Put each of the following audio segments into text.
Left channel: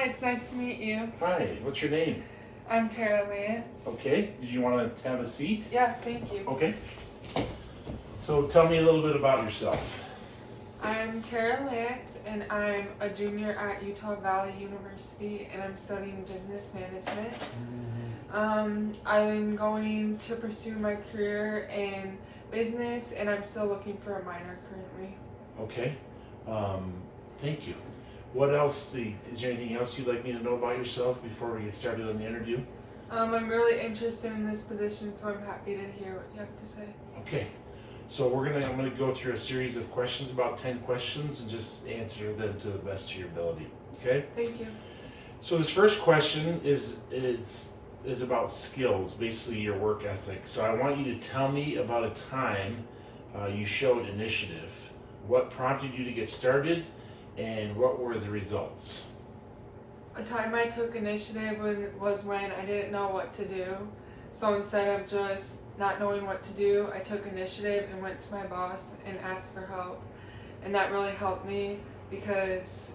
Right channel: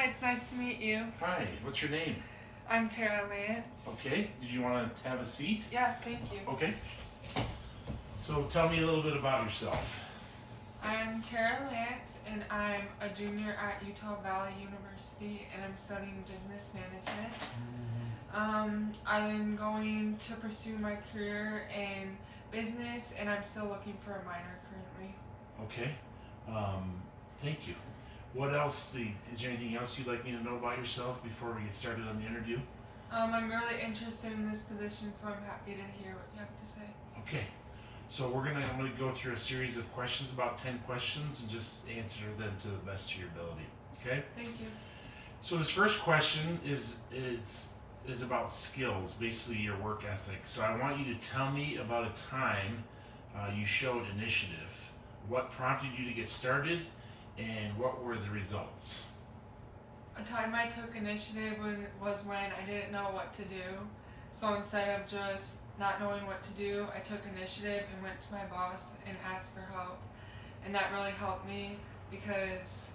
Hi, it's nice to meet you. Hi, what's your name? I'm Tara Lance. Okay, did you want to have a seat? Yeah, thank you. Okay. So tell me a little bit about yourself. I'm Tara Lance, and I'm a junior at Utah Valley University, and I'm studying business management. I'm going to pursue my career in business, and I'm still looking for a minor currently. Okay. Um, Thank you. What else? Is there anything else you'd like me to know about yourself before we get started on the interview? I'm really interested in this position, so I'm happy to hear what you have to say. Okay. So I'm gonna go through a series of questions, about 10 questions, and just answer them to the best of your ability. Okay. Thank you. So this first question is about skills, basically your work ethic. So I want you to tell me about a time you showed initiative. What prompted you to get started, and what were the results? A time I took initiative was when I didn't know what to do. So instead of just not knowing what to do, I took initiative and went to my boss and asked for help. And that really helped me because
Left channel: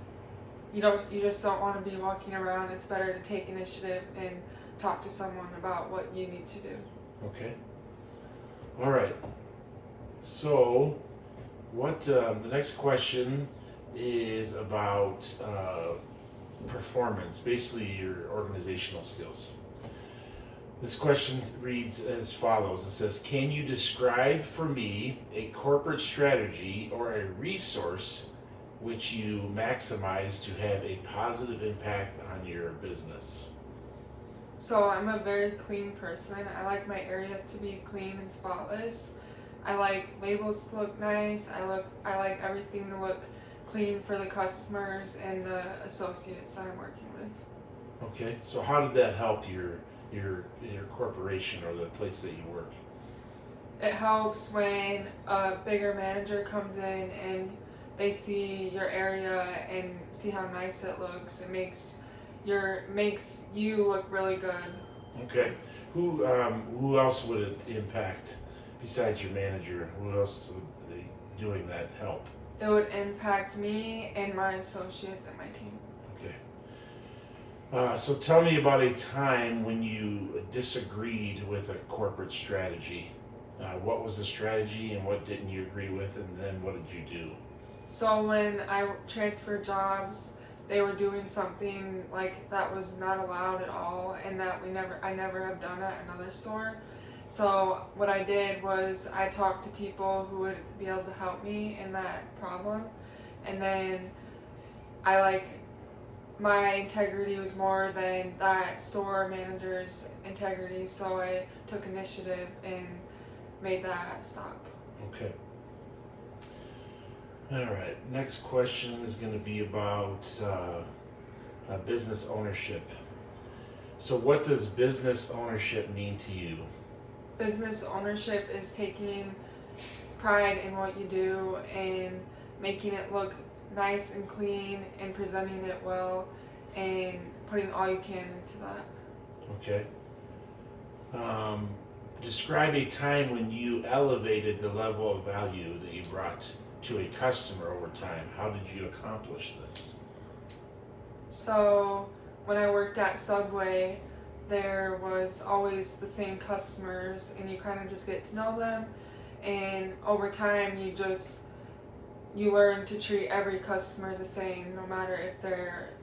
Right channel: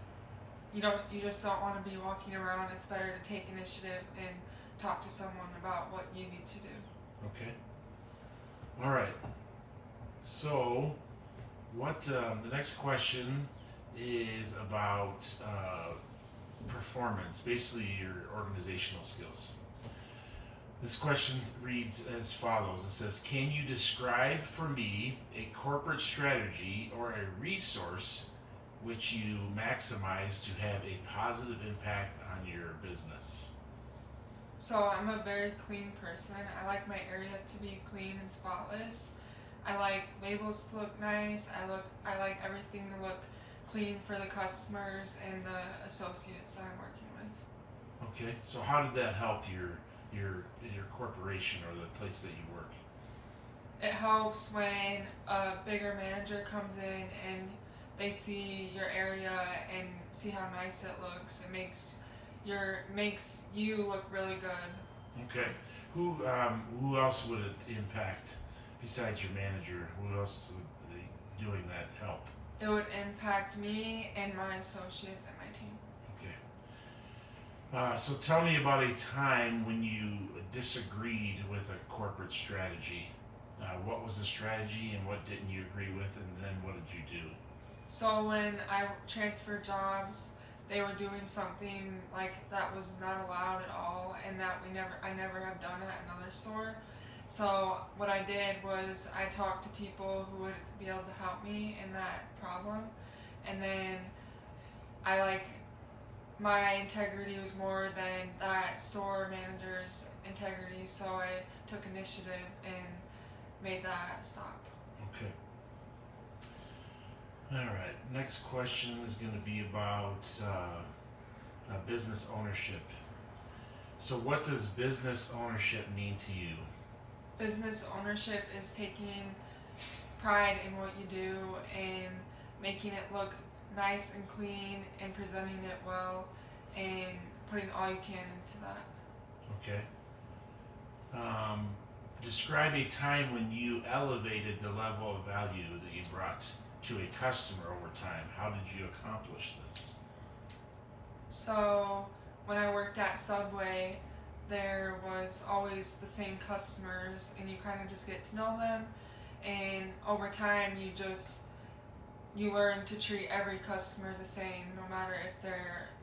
you just don't want to be walking around. It's better to take initiative and talk to someone about what you need to do. Okay. All right. So, the next question is about performance, basically your organizational skills. This question reads as follows. It says, can you describe for me a corporate strategy or a resource which you maximize to have a positive impact on your business? So I'm a very clean person. I like my area to be clean and spotless. I like labels to look nice. I like everything to look clean for the customers and the associates that I'm working with. Okay, so how did that help your corporation or the place that you work? It helps when a bigger manager comes in and they see your area and see how nice it looks. It makes you look really good. Okay, who else would it impact besides your manager? Who else would doing that help? It would impact me and my associates and my team. Okay. So tell me about a time when you disagreed with a corporate strategy. What was the strategy and what didn't you agree with, and then what did you do? So when I transferred jobs, they were doing something like that was not allowed at all, and that I never have done at another store. So what I did was I talked to people who would be able to help me in that problem, and then my integrity was more than that store manager's integrity, so I took initiative and made that stop. Okay. All right. Next question is going to be about business ownership. So, what does business ownership mean to you? Business ownership is taking pride in what you do and making it look nice and clean and presenting it well and putting all you can into that. Okay. Describe a time when you elevated the level of value that you brought to a customer over time. How did you accomplish this? So when I worked at Subway, there was always the same customers and you kind of just get to know them, and over time you learn to treat every customer the same, no matter if they're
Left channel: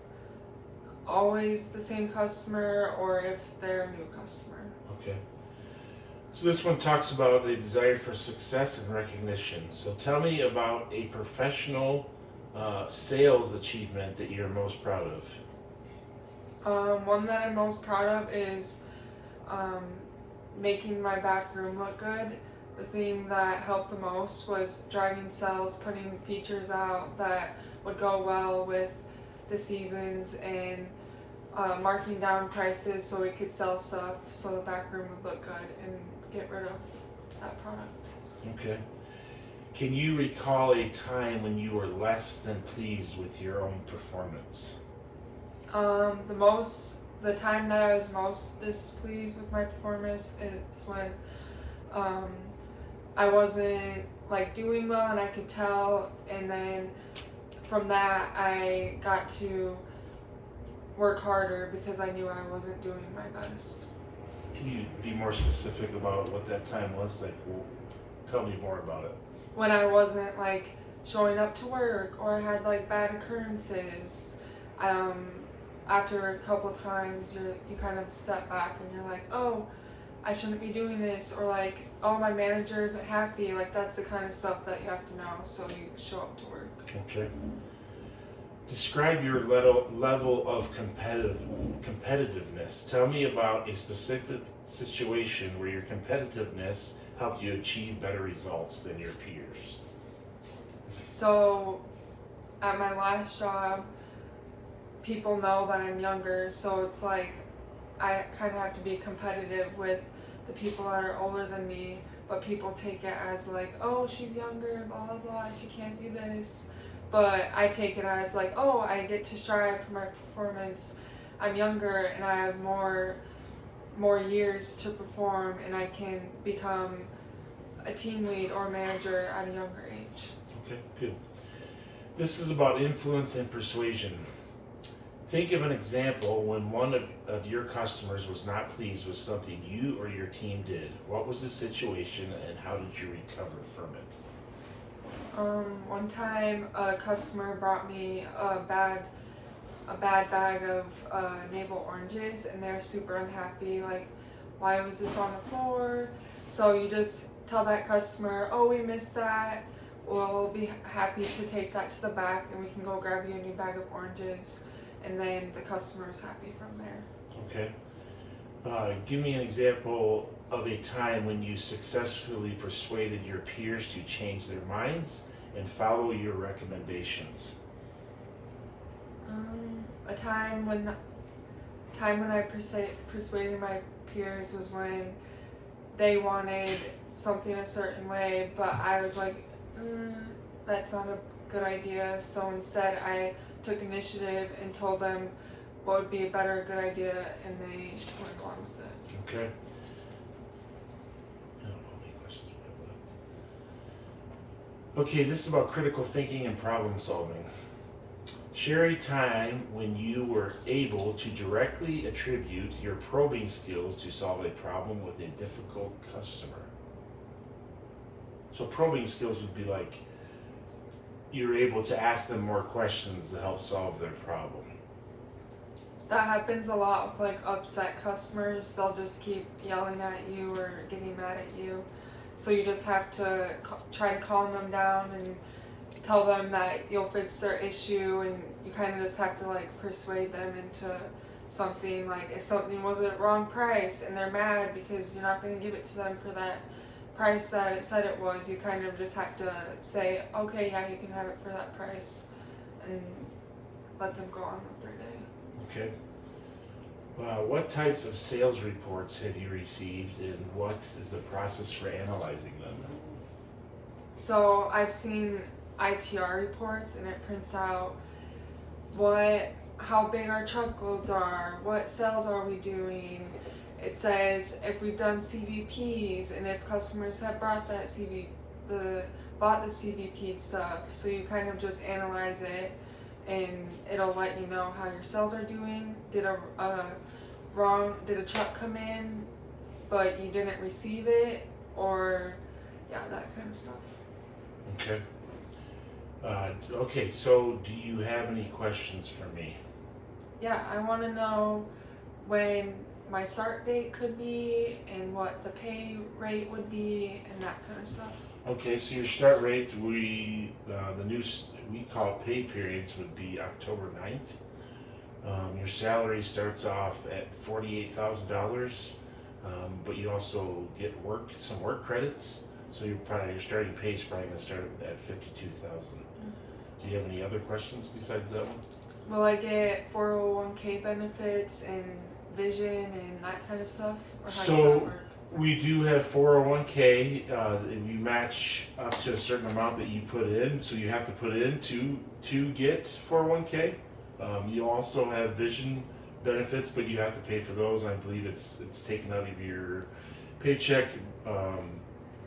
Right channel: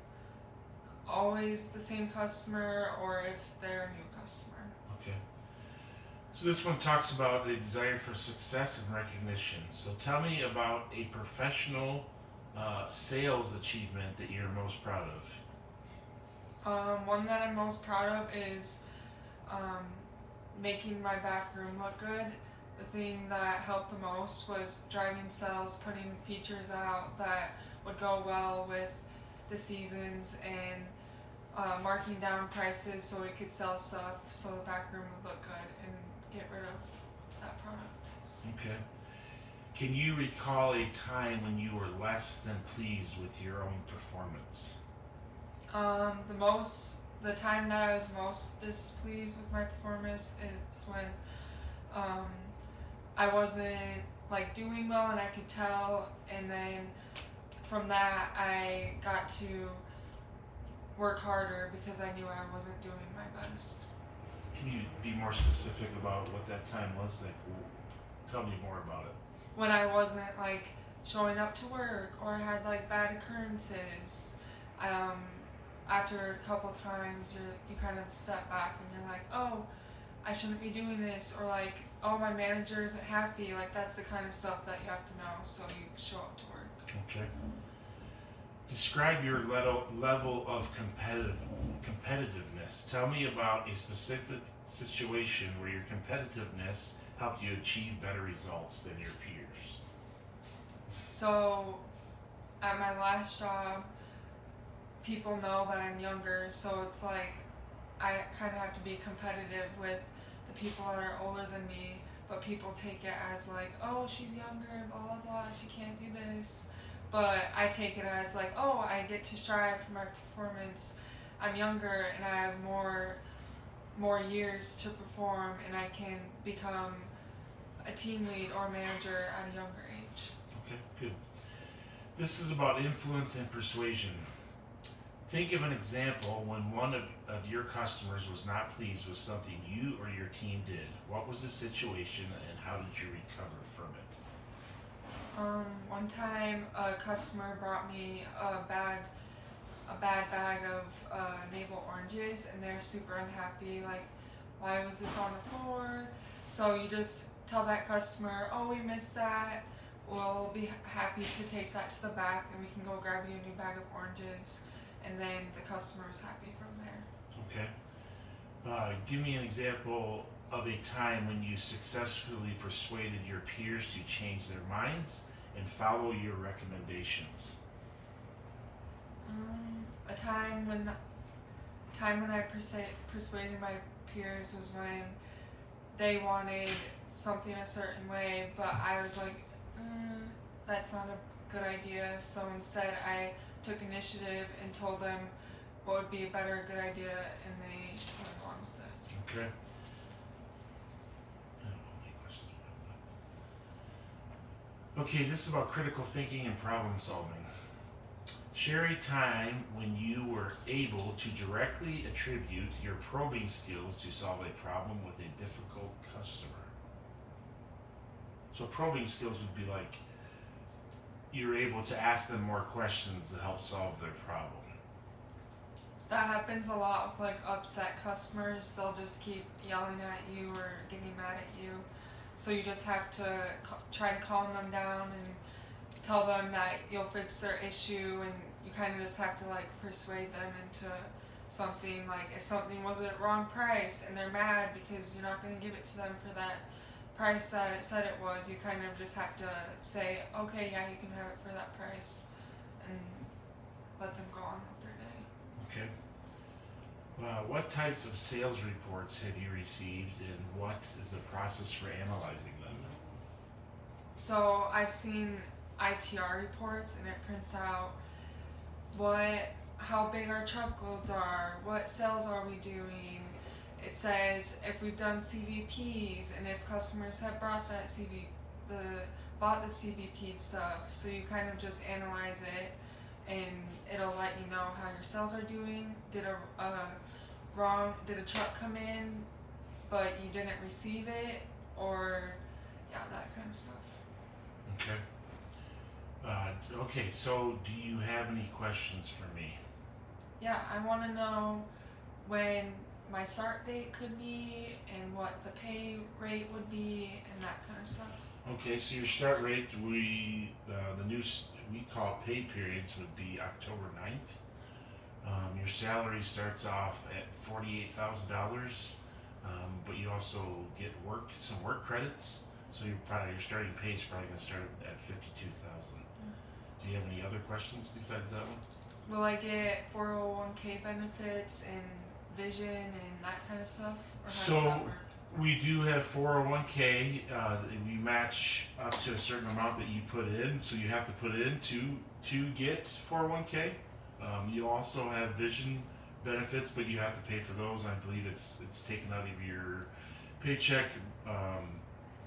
always the same customer or if they're a new customer. Okay. So this one talks about a desire for success and recognition. So tell me about a professional sales achievement that you're most proud of. One that I'm most proud of is making my back room look good. The thing that helped the most was driving sales, putting features out that would go well with the seasons, and marking down prices so we could sell stuff so the back room would look good and get rid of that product. Okay. Can you recall a time when you were less than pleased with your own performance? The time that I was most displeased with my performance is when I wasn't doing well and I could tell, and then from that I got to work harder because I knew I wasn't doing my best. Can you be more specific about what that time was? Like, well, tell me more about it. When I wasn't like showing up to work or I had like bad occurrences, um, after a couple times you kind of step back and you're like, oh, I shouldn't be doing this, or like, oh, my manager isn't happy. Like that's the kind of stuff that you have to know so you show up to work. Okay. Describe your level of competitiveness. Tell me about a specific situation where your competitiveness helped you achieve better results than your peers. So at my last job, people know that I'm younger, so it's like I kind of have to be competitive with the people that are older than me, but people take it as like, oh, she's younger, blah blah blah, she can't do this. But I take it as like, oh, I get to strive for my performance. I'm younger and I have more years to perform, and I can become a team lead or manager at a younger age. Okay, good. This is about influence and persuasion. Think of an example when one of your customers was not pleased with something you or your team did. What was the situation and how did you recover from it? One time a customer brought me a bad bag of navel oranges, and they're super unhappy. Like, why was this on the floor? So you just tell that customer, oh, we missed that. We'll be happy to take that to the back, and we can go grab you a new bag of oranges. And then the customer is happy from there. Okay. Give me an example of a time when you successfully persuaded your peers to change their minds and follow your recommendations. A time when I persuaded my peers was when they wanted something a certain way, but I was like, that's not a good idea. So instead, I took initiative and told them what would be a better good idea, and they went along with it. Okay. I don't know any questions about that. Okay, this is about critical thinking and problem solving. Share a time when you were able to directly attribute your probing skills to solve a problem with a difficult customer. So probing skills would be like you're able to ask them more questions to help solve their problem. That happens a lot with like upset customers. They'll just keep yelling at you or getting mad at you. So you just have to try to calm them down and tell them that you'll fix their issue, and you kind of just have to like persuade them into something. Like if something was a wrong price and they're mad because you're not going to give it to them for that price that it said it was, you kind of just have to say, okay, yeah, you can have it for that price, and let them go on with their day. Okay. What types of sales reports have you received, and what is the process for analyzing them? So I've seen ITR reports, and it prints out how big our truckloads are, what sales are we doing. It says if we've done CVPs and if customers have bought the CVP stuff. So you kind of just analyze it, and it'll let you know how your sales are doing. Did a truck come in but you didn't receive it, or that kind of stuff. Okay. Okay, so do you have any questions for me? Yeah, I want to know when my start date could be and what the pay rate would be and that kind of stuff. Okay, so your start rate, we call it pay periods, would be October 9th. Your salary starts off at $48,000, but you also get some work credits. So your starting pay is probably going to start at $52,000. Do you have any other questions besides that one? Will I get 401k benefits and vision and that kind of stuff, or how does that work? We do have 401k. We match up to a certain amount that you put in, so you have to put in to get 401k. You also have vision benefits, but you have to pay for those. I believe it's taken out of your paycheck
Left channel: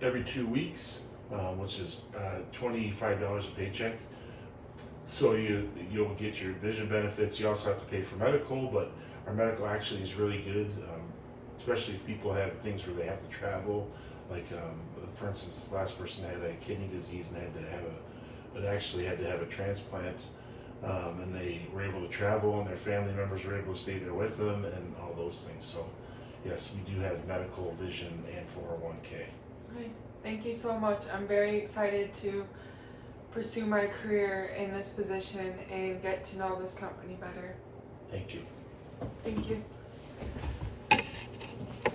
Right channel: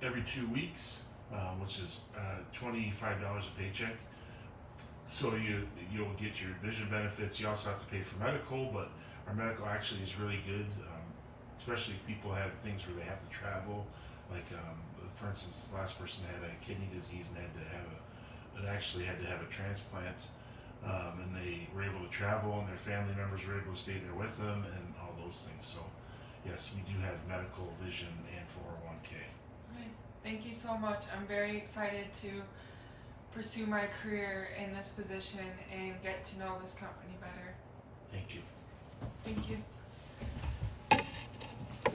every 2 weeks, which is $25 a paycheck. So you'll get your vision benefits. You also have to pay for medical, but our medical actually is really good, especially if people have things where they have to travel. Like for instance, the last person had a kidney disease and actually had to have a transplant, and they were able to travel, and their family members were able to stay there with them, and all those things. So yes, we do have medical, vision, and 401k. Okay. Thank you so much. I'm very excited to pursue my career in this position and get to know this company better. Thank you. Thank you.